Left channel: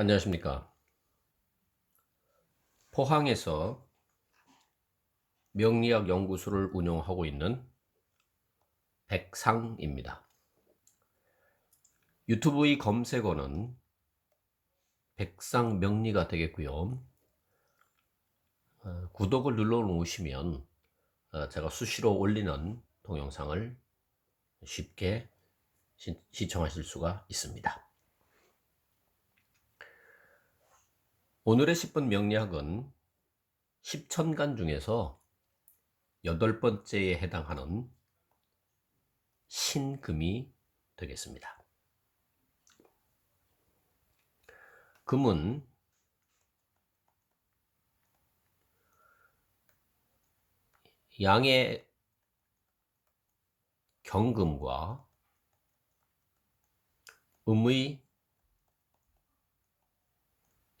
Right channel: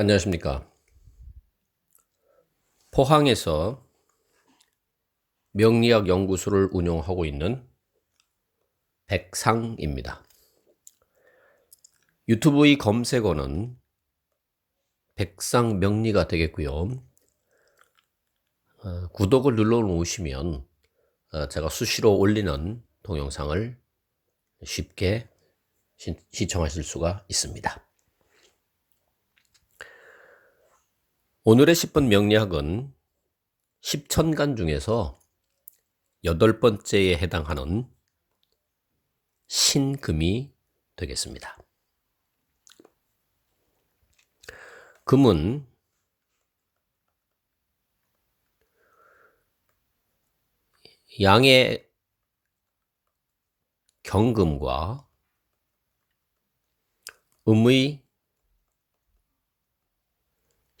안녕하십니까. 포항에서 명리학 연구소를 운영하고 있는 백상입니다. 유튜브의 검색어는 백상명리가 되겠고요. 구독을 눌러 놓으시면 제가 수시로 올리는 동영상을 쉽게 시청하실 수가 있습니다. 오늘의 10분 명리학은 10천간 중에서 8번째에 해당하는 신금이 되겠습니다. 금은 양의 경금과 음의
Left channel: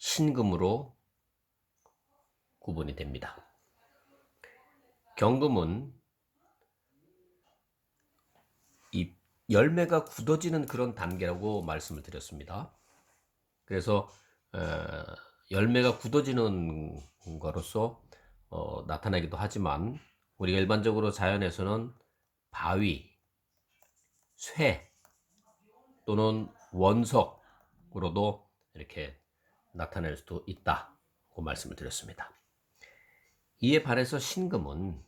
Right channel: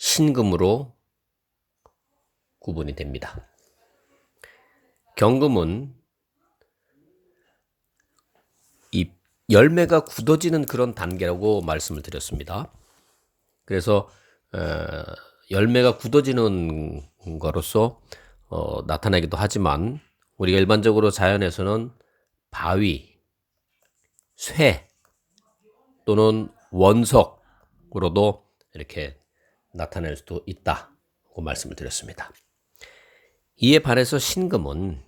신금으로 구분이 됩니다. 경금은 이 열매가 굳어지는 그런 단계라고 말씀을 드렸습니다. 그래서 열매가 굳어지는 거로서 나타나기도 하지만 우리가 일반적으로 자연에서는 바위, 쇠 또는 원석으로도 이렇게 나타낼 수도 있다고 말씀을 드렸습니다. 이에 반해서 신금은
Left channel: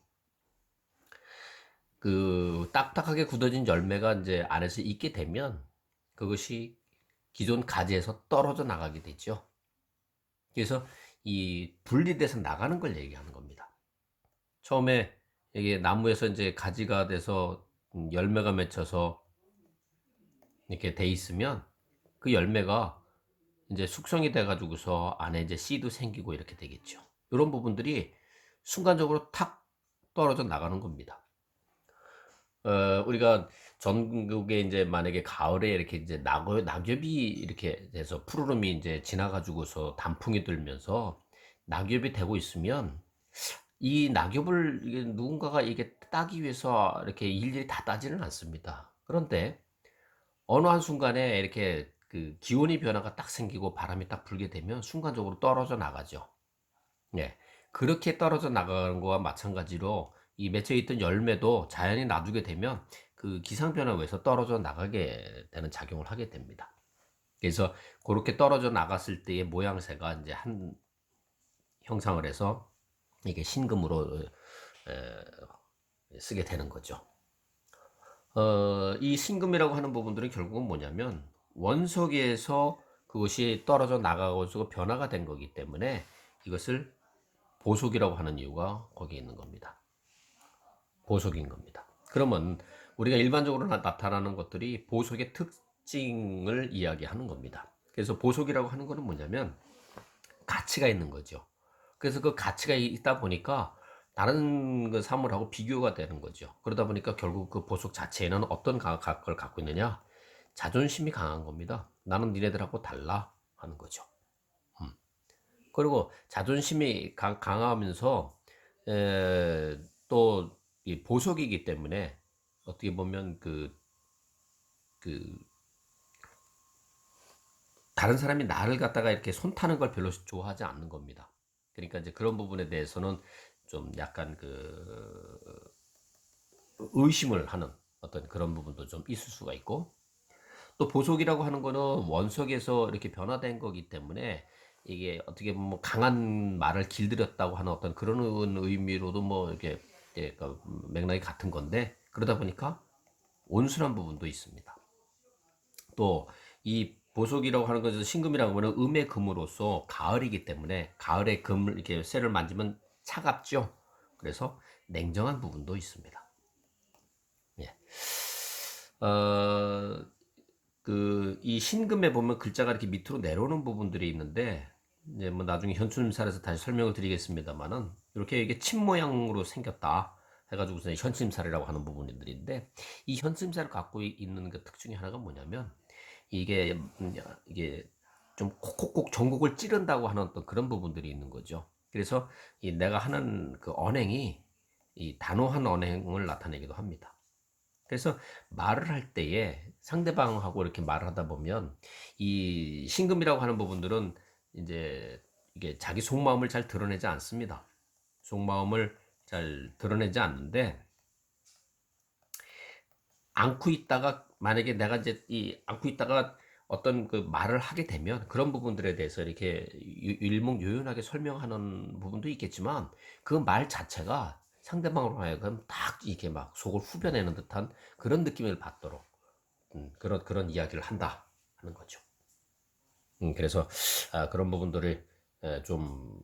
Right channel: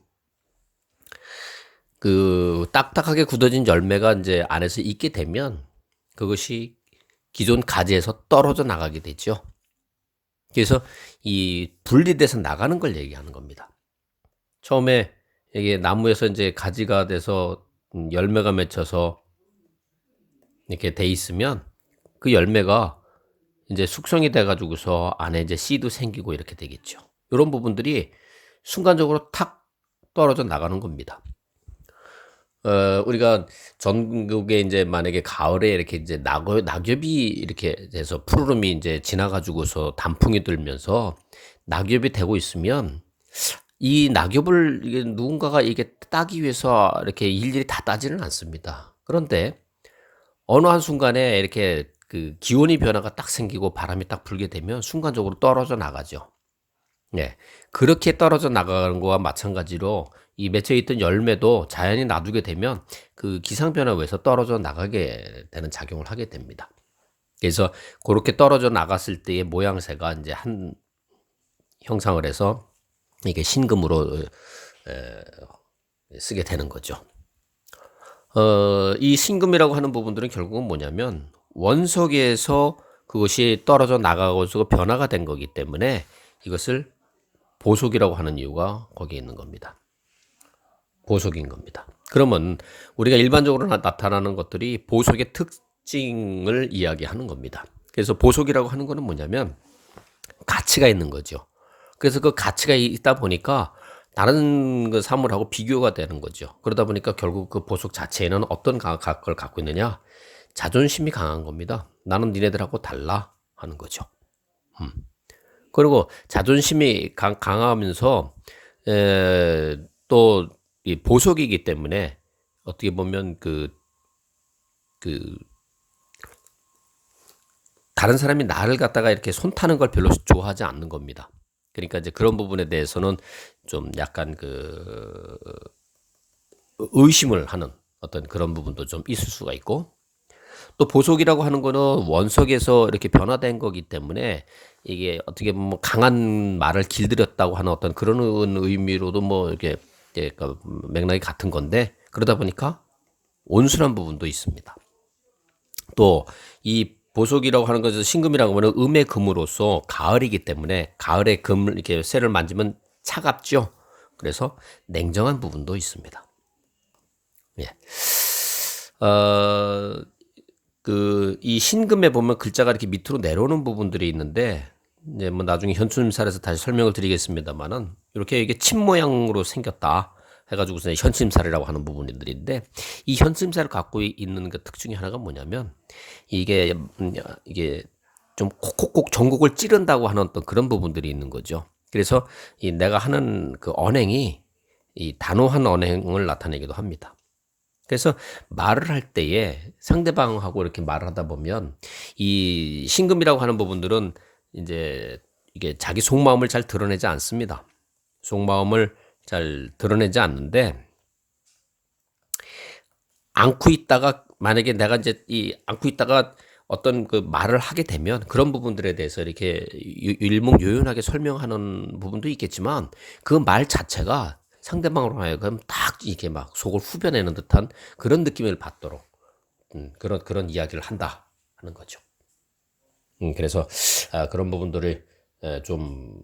그 딱딱하게 굳어진 열매가 이제 안에서 있게 되면 그것이 기존 가지에서 떨어져 나가게 되죠. 그래서 이 분리돼서 나가는 걸 얘기하는 겁니다. 처음에 이게 나무에서 이제 가지가 돼서 열매가 맺혀서 이렇게 돼 있으면 그 열매가 이제 숙성이 돼 가지고서 안에 이제 씨도 생기고 이렇게 되겠죠. 이런 부분들이 순간적으로 탁 떨어져 나가는 겁니다. 우리가 전국에 이제 만약에 가을에 이렇게 이제 낙엽이 이렇게 돼서 푸르름이 이제 지나가지고서 단풍이 들면서 낙엽이 되고 있으면 이 낙엽을 이게 누군가가 이게 따기 위해서 이렇게 일일이 다 따지는 않습니다. 그런데 어느 한순간에 이렇게 그 기온의 변화가 딱 생기고 바람이 딱 불게 되면 순간적으로 떨어져 나가죠. 네. 그렇게 떨어져 나가는 거와 마찬가지로 이 맺혀 있던 열매도 자연히 놔두게 되면 그 기상 변화에 의해서 떨어져 나가게 되는 작용을 하게 됩니다. 그래서 그렇게 떨어져 나갔을 때의 모양새가 이제 한 형상을 해서 이게 신금으로 쓰게 되는 거죠. 이 신금이라고 하는 부분들은 결국은 뭐냐면 원석에서 그것이 떨어져 나가고 변화가 된 거기 때문에 이것을 보석이라고 하는 이유가 거기에 있는 겁니다. 보석인 겁니다. 그러면 우리가 일반적으로 나타나는 것들이 보석의 특징을 이야기하는 겁니다. 그래서 보석이라고 하는 것은 뭐냐면 가치가 있는 거죠. 그래서 그 가치가 있다 보니까 다른 그 사물하고 비교가 되는 거죠. 그러다 보니까 결국 그 보석 자체에는 어떤 걸 갖고 있느냐? 자존심이 강한 겁니다. 나는 니네들하고 달라 하는 거죠. 그리고 자존심이 강하면서 또 이 보석이기 때문에 어떻게 보면 그 다른 사람이 나를 갖다가 이렇게 손타는 걸 별로 좋아하지 않는 겁니다. 그러니까 이제 그런 부분에 대해서는 좀 약간 그 의심을 하는 어떤 그런 부분도 좀 있을 수가 있고, 또 보석이라고 하는 거는 원석에서 이렇게 변화된 거기 때문에 이게 어떻게 보면 강한 말을 길들였다고 하는 어떤 그런 의미로도 뭐 이렇게 그 맥락이 같은 건데, 그러다 보니까 온순한 부분도 있습니다. 또 이 보석이라고 하는 것은 신금이라고 하면 음의 금으로서 가을이기 때문에 가을에 금을 이렇게 쇠를 만지면 차갑죠. 그래서 냉정한 부분도 있습니다. 예. 이 신금에 보면 글자가 이렇게 밑으로 내려오는 부분들이 있는데, 이제 뭐 나중에 현충림살에서 다시 설명을 드리겠습니다만은, 이렇게 이게 침 모양으로 생겼다 해가지고서 현침살이라고 하는 부분들인데, 이 현침살을 갖고 있는 그 특징이 하나가 뭐냐면, 이게 이게 좀 콕콕콕 전곡을 찌른다고 하는 어떤 그런 부분들이 있는 거죠. 그래서 이 내가 하는 그 언행이 이 단호한 언행을 나타내기도 합니다. 그래서 말을 할 때에 상대방하고 이렇게 말을 하다 보면 이 신금이라고 하는 부분들은 인제 이게 자기 속마음을 잘 드러내지 않습니다. 속마음을 잘 드러내지 않는데 안고 있다가 만약에 내가 인제 이 안고 있다가 어떤 그 말을 하게 되면 그런 부분들에 대해서 이렇게 일목요연하게 설명하는 부분도 있겠지만 그 말 자체가 상대방으로 하여금 딱 이렇게 막 속을 후벼내는 듯한 그런 느낌을 받도록 그런 이야기를 한다 하는 거죠. 그래서 그런 부분들을 좀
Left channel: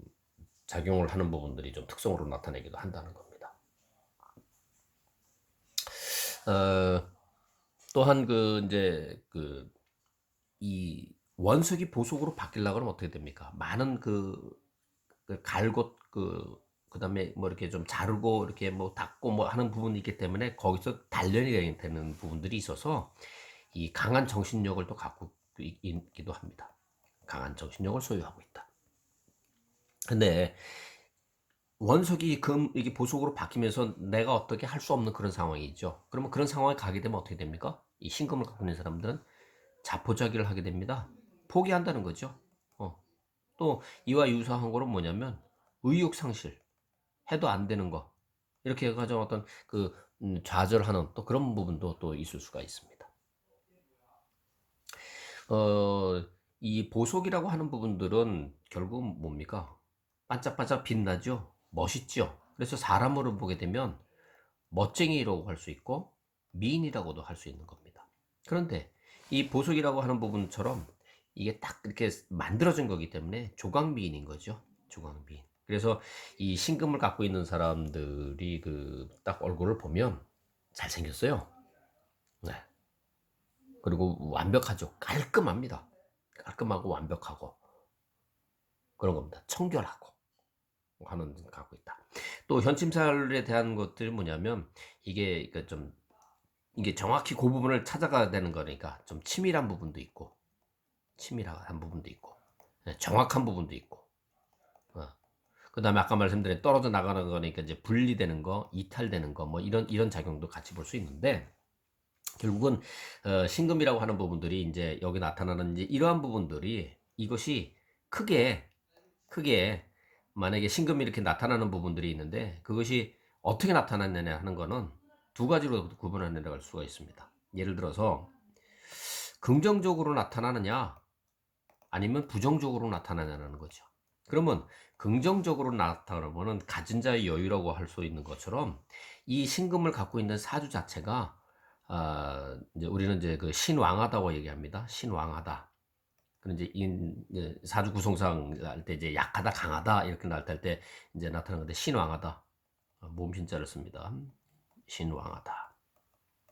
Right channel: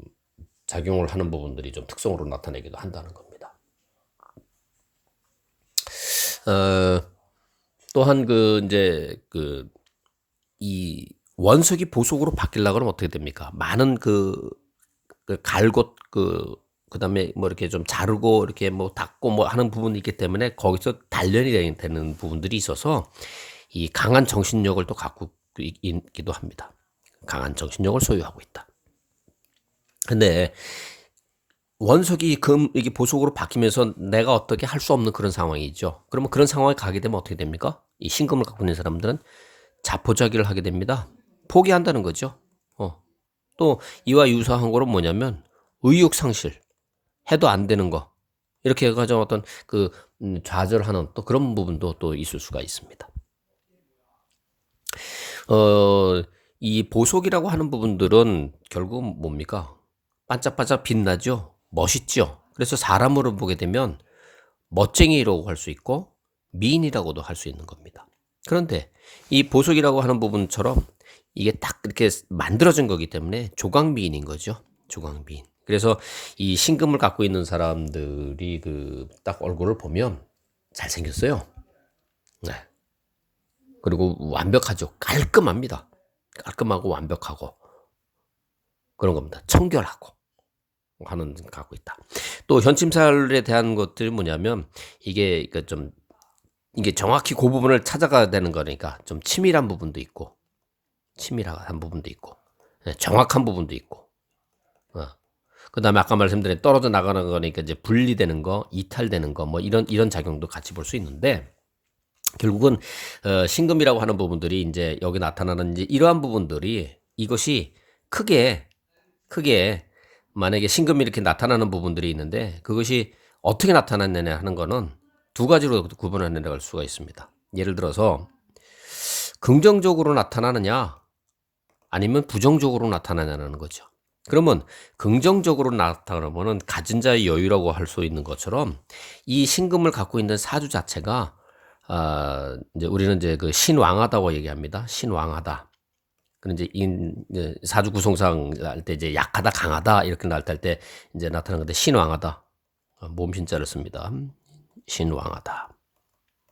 작용을 하는 부분들이 좀 특성으로 나타내기도 한다는 겁니다. 어 또한 그 인제 이 원석이 보석으로 바뀌려고 그러면 어떻게 됩니까? 많은 갈곳 그다음에 뭐 이렇게 좀 자르고 이렇게 뭐 닦고 뭐 하는 부분이 있기 때문에 거기서 단련이 되는 부분들이 있어서 이 강한 정신력을 또 갖고 있기도 합니다. 강한 정신력을 소유하고 있다. 근데 원석이 이게 보석으로 바뀌면서 내가 어떻게 할 수 없는 그런 상황이죠. 그러면 그런 상황에 가게 되면 어떻게 됩니까? 이 신금을 갖고 있는 사람들은 자포자기를 하게 됩니다. 포기한다는 거죠. 어. 또 이와 유사한 거는 뭐냐면 의욕 상실, 해도 안 되는 거. 이렇게 해 가지고 어떤 좌절하는 또 그런 부분도 또 있을 수가 있습니다. 어 이 보석이라고 하는 부분들은 결국은 뭡니까? 반짝반짝 빛나죠. 멋있죠. 그래서 사람으로 보게 되면 멋쟁이라고 할 수 있고 미인이라고도 할 수 있는 겁니다. 그런데 이 보석이라고 하는 부분처럼 이게 딱 이렇게 만들어진 거기 때문에 조각미인인 거죠. 조각미인. 그래서 이 신금을 갖고 있는 사람들이 딱 얼굴을 보면 잘생겼어요. 네. 그리고 완벽하죠. 깔끔합니다. 깔끔하고 완벽하고 그런 겁니다. 청결하고 하는 갖고 있다. 또 현침살에 대한 것들이 뭐냐면 이게 좀 이게 정확히 그 부분을 찾아가야 되는 거니까 좀 치밀한 부분도 있고 치밀한 부분도 있고 정확한 부분도 있고 그다음에 아까 말씀드린 떨어져 나가는 거니까 이제 분리되는 거, 이탈되는 거 뭐 이런 작용도 같이 볼 수 있는데 결국은 신금이라고 하는 부분들이 인제 여기 나타나는 인제 이러한 부분들이 이것이 크게 만약에 신금이 이렇게 나타나는 부분들이 있는데 그것이 어떻게 나타났느냐 하는 거는 두 가지로 구분해 나갈 수가 있습니다. 예를 들어서 긍정적으로 나타나느냐 아니면 부정적으로 나타나냐는 거죠. 그러면 긍정적으로 나타나면은 가진 자의 여유라고 할 수 있는 것처럼 이 신금을 갖고 있는 사주 자체가 인제 우리는 이제 신왕하다고 얘기합니다. 신왕하다. 그런 이제 사주 구성상 할 때 이제 약하다, 강하다 이렇게 나타날 때 인제 나타나는 건데 신왕하다. 모음신자를 씁니다. 신왕하다.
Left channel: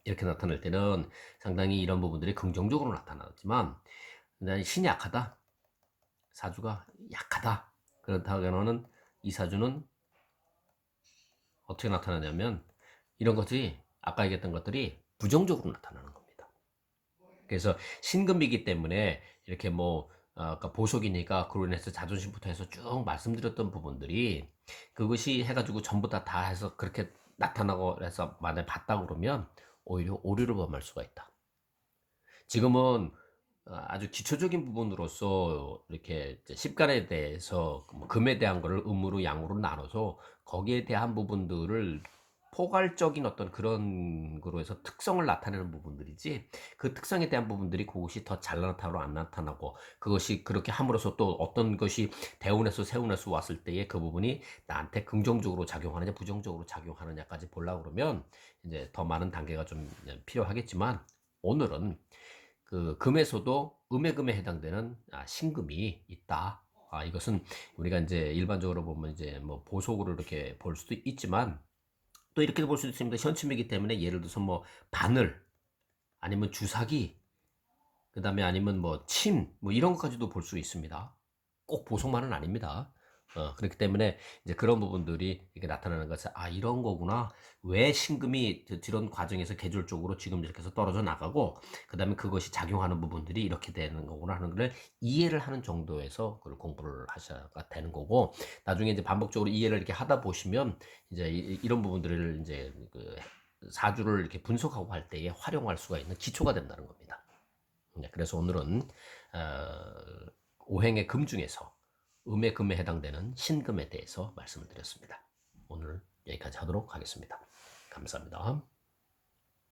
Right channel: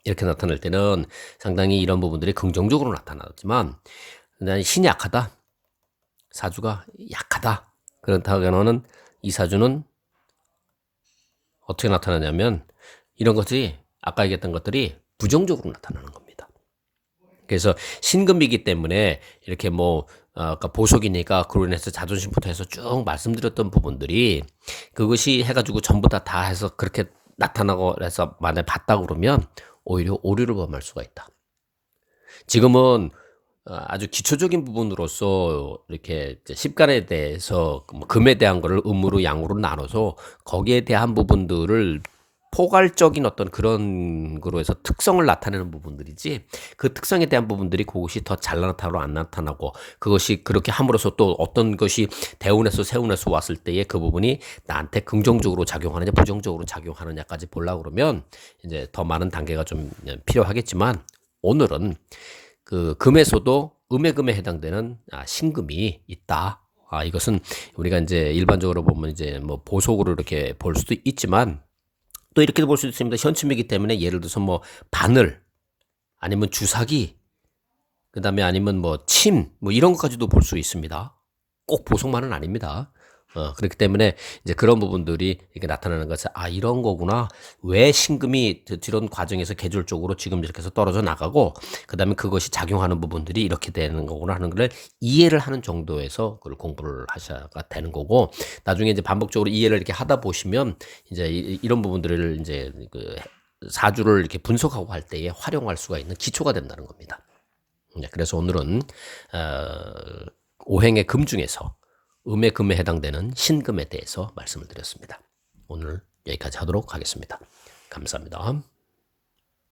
이렇게 나타날 때는 상당히 이런 부분들이 긍정적으로 나타나지만 그다음에 신이 약하다. 사주가 약하다. 그렇다면은 이 사주는 어떻게 나타나냐면 이런 것들이 아까 얘기했던 것들이 부정적으로 나타나는 겁니다. 그래서 신금이기 때문에 이렇게 뭐 아까 보석이니까 그로 인해서 자존심부터 해서 쭉 말씀드렸던 부분들이 그것이 해 가지고 전부 다 해서 그렇게 나타나고 해서 만약에 봤다 그러면 오히려 오류를 범할 수가 있다. 지금은 아주 기초적인 부분으로서 이렇게 이제 십간에 대해서 뭐 금에 대한 거를 음으로 양으로 나눠서 거기에 대한 부분들을 포괄적인 어떤 그런 거로 해서 특성을 나타내는 부분들이지 그 특성에 대한 부분들이 그것이 더 잘 나타나고 안 나타나고 그것이 그렇게 함으로써 또 어떤 것이 대운에서 세운에서 왔을 때에 그 부분이 나한테 긍정적으로 작용하느냐 부정적으로 작용하느냐까지 보려고 그러면 이제 더 많은 단계가 좀 필요하겠지만 오늘은 금에서도 음의 금에 해당되는 신금이 있다. 이것은 우리가 인제 일반적으로 보면 이제 뭐 보석으로 이렇게 볼 수도 있지만 또 이렇게도 볼 수도 있습니다. 현침이기 때문에 예를 들어서 뭐 바늘 아니면 주사기 그다음에 아니면 뭐 침 뭐 이런 것까지도 볼 수 있습니다. 꼭 보석만은 아닙니다. 그렇기 때문에 이제 그런 부분들이 이렇게 나타나는 것은 '아 이런 거구나. 왜 신금이 이런 과정에서 계절적으로 지금 이렇게 해서 떨어져 나가고 그다음에 그것이 작용하는 부분들이 이렇게 되는 거구나.' 하는 거를 이해를 하는 정도에서 그걸 공부를 하셔야 되는 거고 나중에 이제 반복적으로 이해를 이렇게 하다 보시면 이제 이런 부분들을 인제 사주를 이렇게 분석하고 할 때에 활용할 수가 있는 기초가 된다는 겁니다. 네, 그래서 오늘은 오행의 금 중에서 음의 금에 해당되는 신금에 대해서 말씀을 드렸습니다. 오늘 여기까지 하도록 하겠습니다. 감사합니다.